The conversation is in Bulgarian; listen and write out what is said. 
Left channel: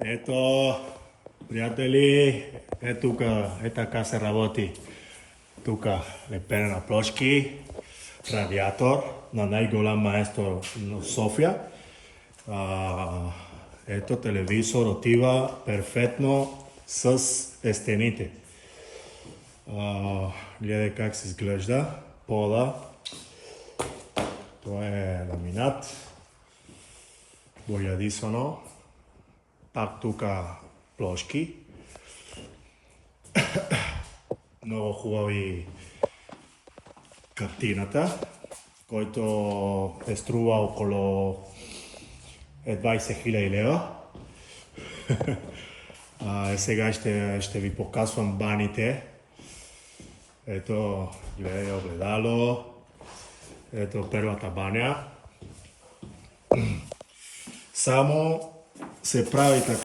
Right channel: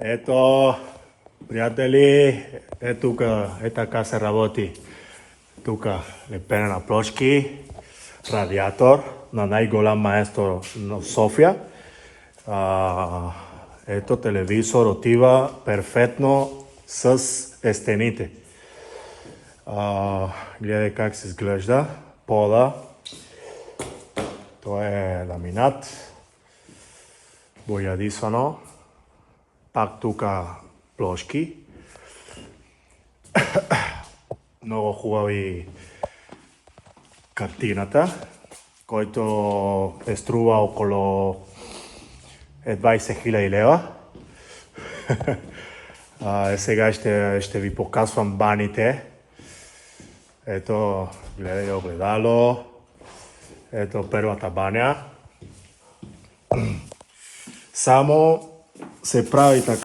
Ето, приятели, тук, така се работи. Тук лепене на плочки, радиатор на най-голям маестро в София. Ето, телевизор отива перфектно с стените. Гледай как се изглежда пода. Това е ламинат, боядисано. Пак тук плочки. Много хубави картината, който е струва около 20 000 лева. Сега ще ви показвам баните. Ето, гледай огледало. Ето първата баня. Само се прави така.